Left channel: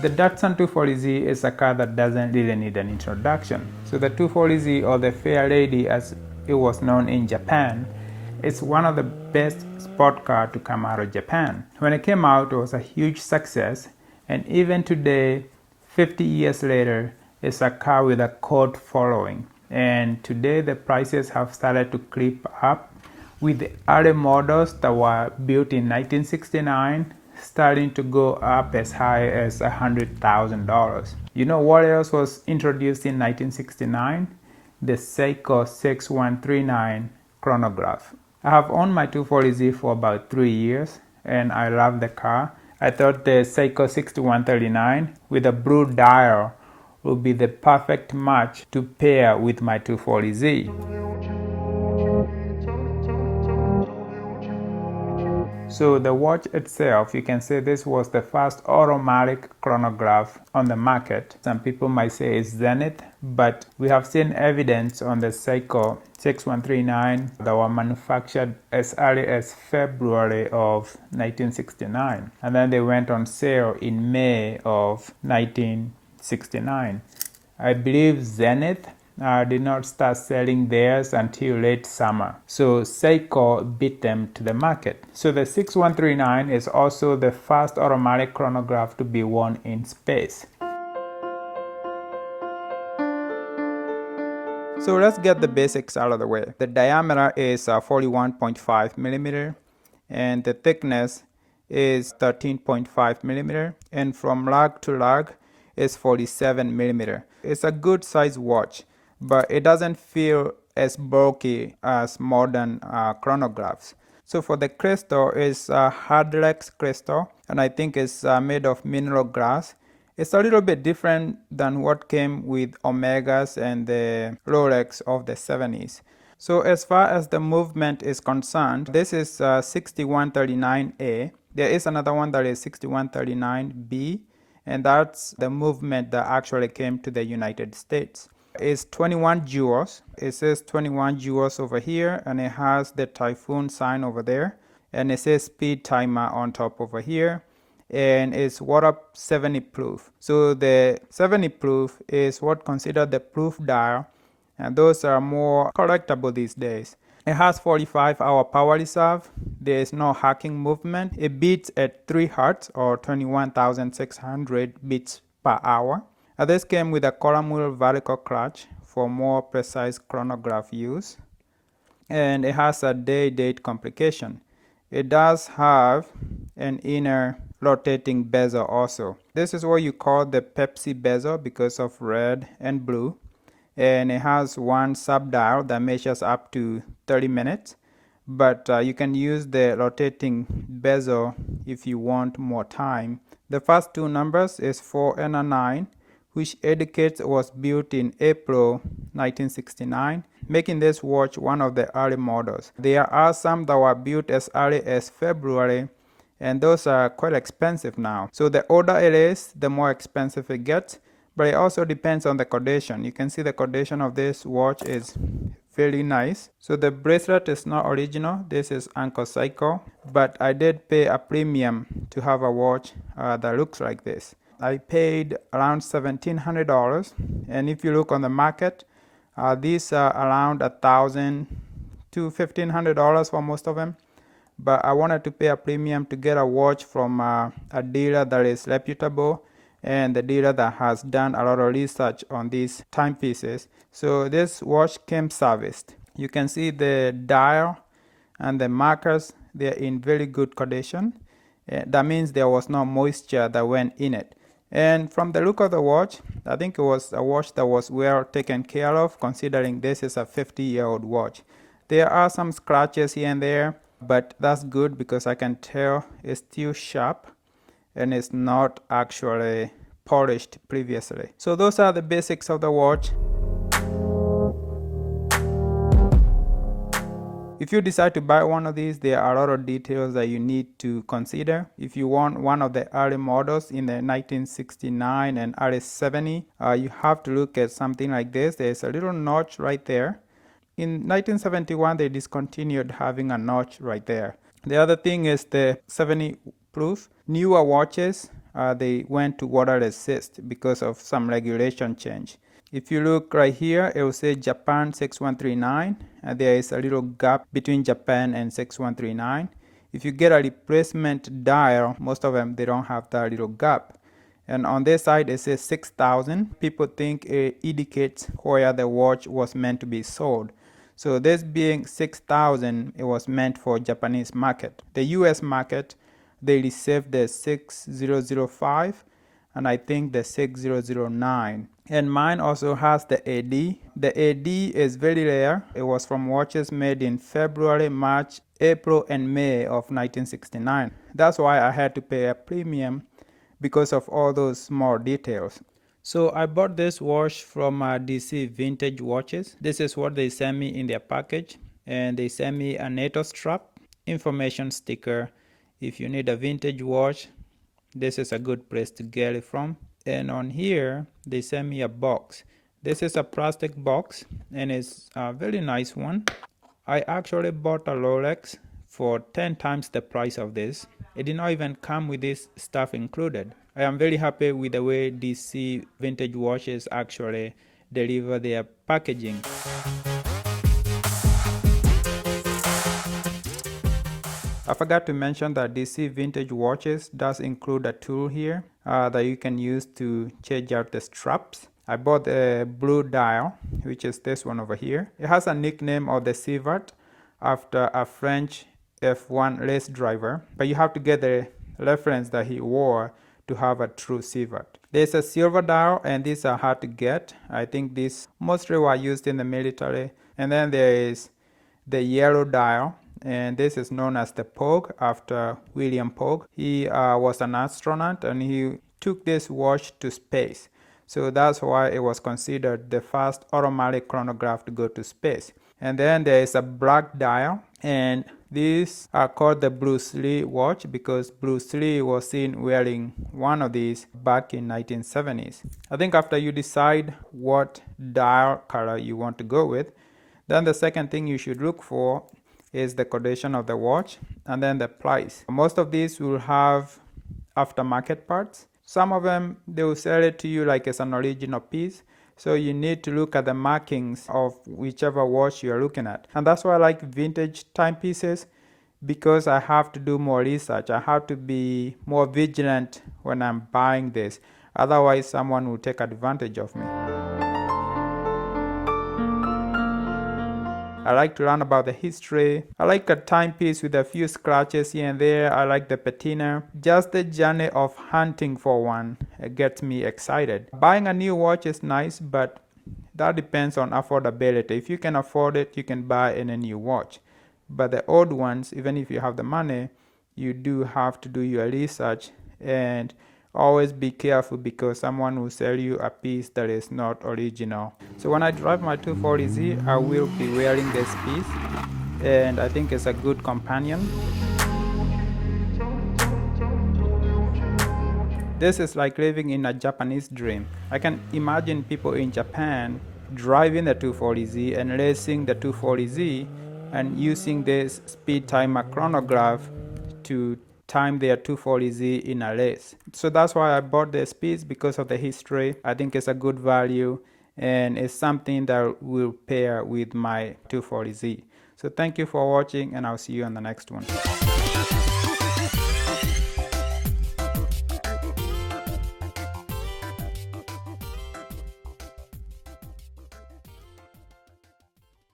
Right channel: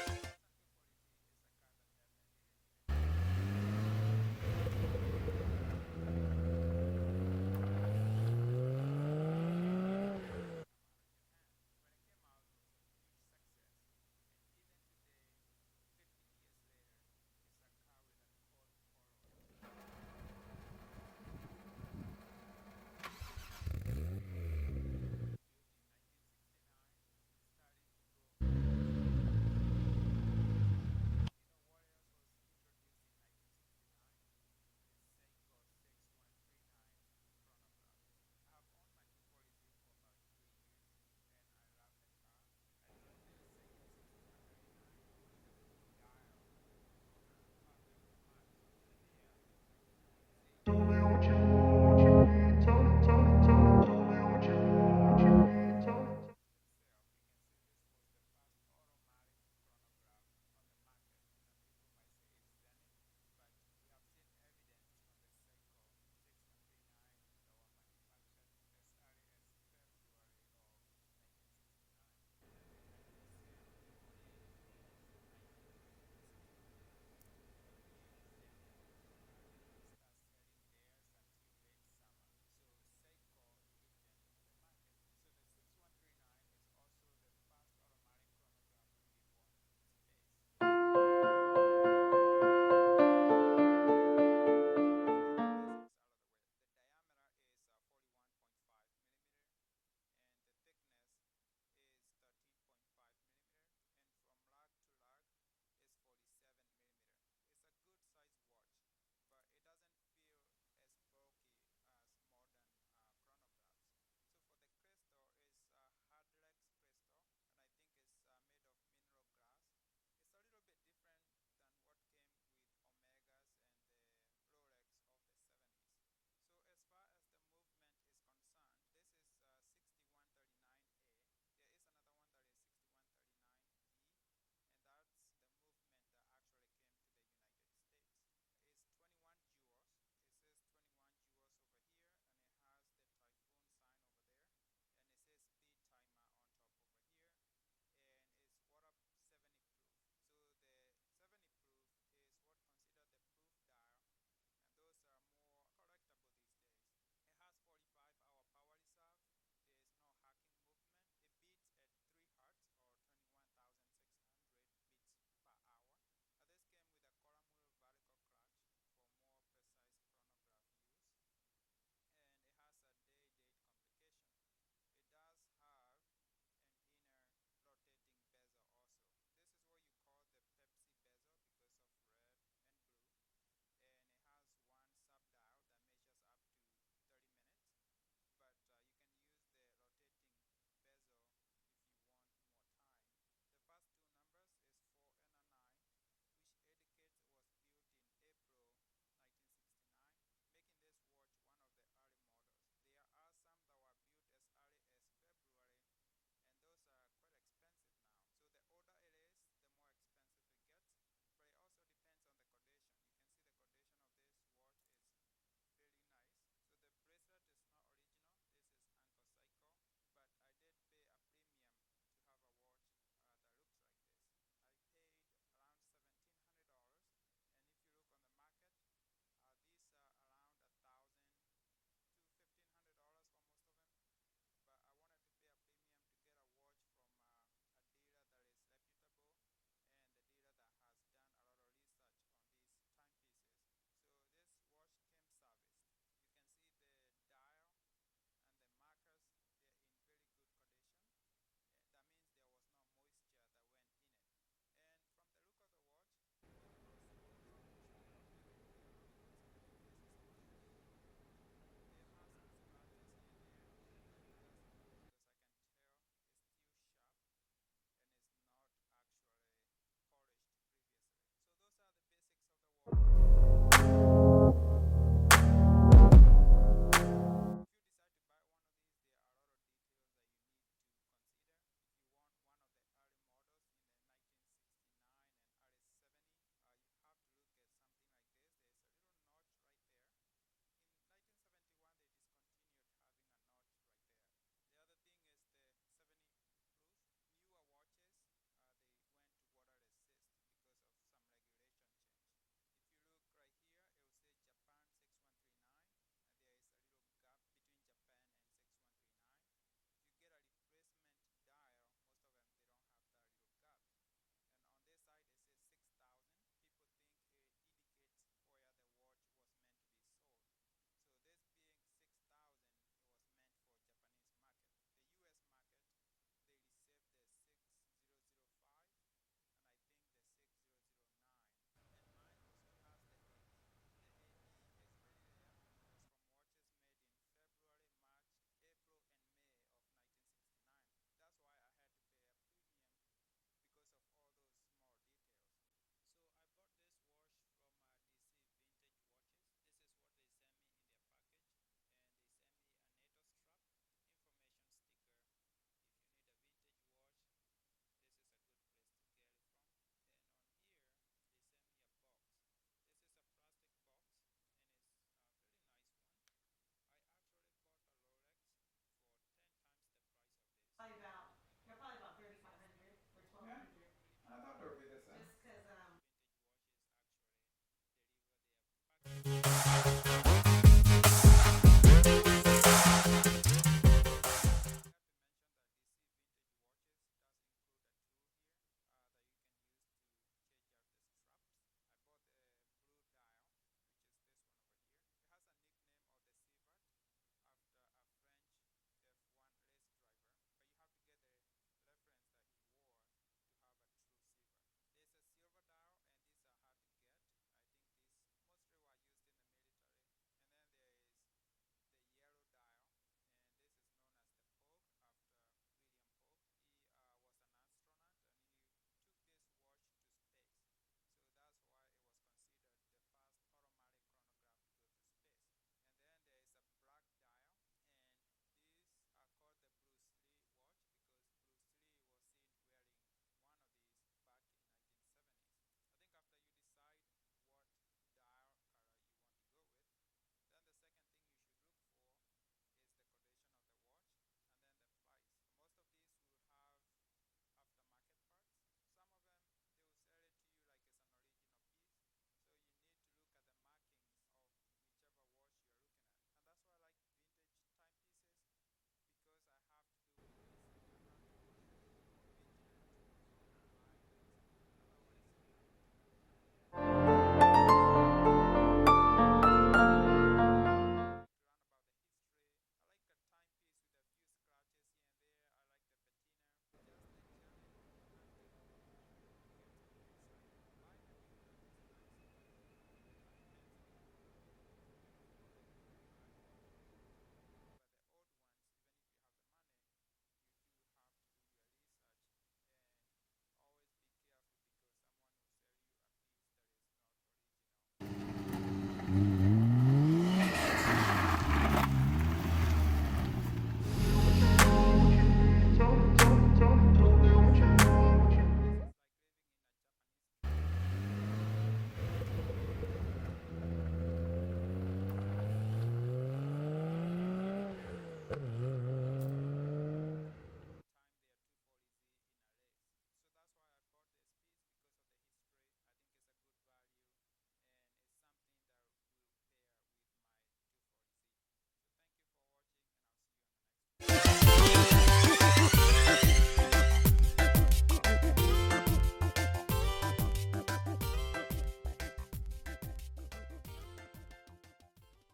The Datsun 240Z is a car that doesn't really need an introduction. So the 240Z, or the Fair Lady as it was known in Japan, is one of the best sport cars to come out of Japan. When it came out, it was a huge success, and even today, 50 years later, it's a car with a cult following. And today the prices have started to creep up, with the early models that were built in 1969 starting to go up as high as $100,000. You know what else was introduced in 1969? The Seiko 6139 Chronograph. I have owned my 240Z for about 3 years and I love the car. I thought the Seiko 6139 with a blue dial would be the perfect match to pair with my 240Z. So the watch itself, you can say this was the first automatic chronograph on the market. Some people might say it's Zenith, but we have seen evidence on the Seiko 6139 that were manufactured as early as February of 1969. And then they went on sale in May of 1969. I believe Zenith did not start selling theirs until late summer. So Seiko beat them to the market. So the 6139 is also the first automatic chronograph to be worn in space. So let's get the basics out of the way. The diameter is 41.5 millimeter and the thickness is 13.5 millimeter, and from lug to lug is 47 millimeter. It's a good size watch, but it doesn't feel as bulky as modern chronographs. So for the crystal, it's a hardlex crystal, and I think it's made of mineral glass. It's a little bit different than what came with Omegas and the Rolex of the 70s. So as far as the movement is concerned, this is 6139A. There is another one that is 6139B, and that's the movement that actually came to the United States. It's 21 jewels. It says 21 jewels over here, and it has the typhoon sign over there, and it says speed timer on top over here, and it's water 70 proof. So the 70 proof is what considered the proof dial, and those are more collectible these days. It has 45-hour power reserve. There is no hacking movement. It beats at 3 Hz or 21,600 beats per hour. This came with a column wheel vertical clutch for more precise chronograph use. And it has a day-date complication. It does have an inner rotating bezel also. This is what you call the Pepsi bezel because of red and blue. And it has one sub-dial that measures up to 30 minutes. But you can use the rotating bezel if you want more time. The first two numbers is 4 and a 9, which indicates it was built in April 1969, making this watch one of the early models. There are some that were built as early as February, and those are quite expensive now. So the older it is, the more expensive it gets, but it also depends on the condition. You can see the condition of this watch is very nice. So the bracelet is not original. This is Uncle Seiko, but I did pay a premium to have a watch that looks like this. I paid around $1,700, and if you look on the market, these are around $1,000 to $1,500 for most of them. But I wanted to pay a premium to get a watch from a dealer that is reputable and the dealer that has done a lot of research on these timepieces. So this watch came serviced. You can see the dial and the markers, they're in very good condition. That means there was no moisture that went in it. And from the look of the watch, I think it was a watch that was well taken care of, considering this is a 50-year-old watch. There are some scratches here and there, but that's good because I can tell it's still sharp and it's not actually polished previously. So those are the basics of the watch. If you decide to buy one of these, there are a lot of details that you need to consider. If you want one of the early models in the 1969 and early 70, you have to look at something like this. There's a little notch right there. In 1971, they discontinued having a notch right there. The other thing is the 70 proof. Newer watches they went to water resist because of some regulation change. If you look right here, it will say Japan 6139, and there is a little gap between Japan and 6139. If you get a replacement dial, most of them, they don't have that little gap. And on this side, it says 6,000. People think it indicates where the watch was meant to be sold. So this being 6,000, it was meant for Japanese market. The US market, they received the 6005 and I think the 6009. And mine also has the AD. The AD is very rare. It was from watches made in February, March, April, and May of 1969. That's why I had to pay a premium because of all those small details. So I bought this watch from DC Vintage Watches. This is what they sent me in their package, and they sent me a NATO strap, information sticker. If you need a vintage watch, this is a good place to get it from. And on here, they sent me a box. This is a plastic box, and it's a very nice one. I actually bought a Rolex for 10 times the price of this. It did not even come with this stuff included. I am very happy with the way DC Vintage Watches actually deliver their packaging. I forgot to mention that DC Vintage Watches does include a tool here that you can use to change out the straps. I bought a blue dial, which is this one over here. It has a nickname of the Sievert after a French F1 race driver, but you have to get the reference that he wore to have a true Sievert. There's a silver dial, and these are hard to get. I think these mostly were used in the military. And then there is the yellow dial, and this is known as the Pogue after William Pogue. He was an astronaut, and he took this watch to space. So that's why it was considered the first automatic chronograph to go to space. And then there is a black dial, and these are called the Bruce Lee watch because Bruce Lee was seen wearing one of these back in 1970s. I think after you decide what dial color you want to go with, then the second thing you should look for is the condition of the watch and then the price. Most of these will have aftermarket parts. Some of them, they will sell it to you like it's an original piece. So you need to look at the markings of whichever watch you're looking at. And that's why I like vintage timepieces, because I have to do more research. I have to be more vigilant when I'm buying this. Otherwise, someone will take advantage of me. I like to learn about the history. I like a timepiece with a few scratches here and there. I like the patina. Just the journey of hunting for one gets me excited. Buying a new watch is nice, but that depends on affordability. If you can afford it, you can buy any new watch. But the old ones, even if you have the money, you do have to do your research and always be careful because someone will sell you a piece that is not original. So when I drive my 240Z, I will be wearing this piece, and I think it's a good companion. This is like living in a Japanese dream. I can imagine people in Japan driving the 240Z and racing the 240Z and using this speed timer chronograph to time their 240Z in a race. So that's why I bought this piece, because of the history. I think it's a good value and it's something that will pair with my 240Z. So thank you for watching, and I'll see you on the next one.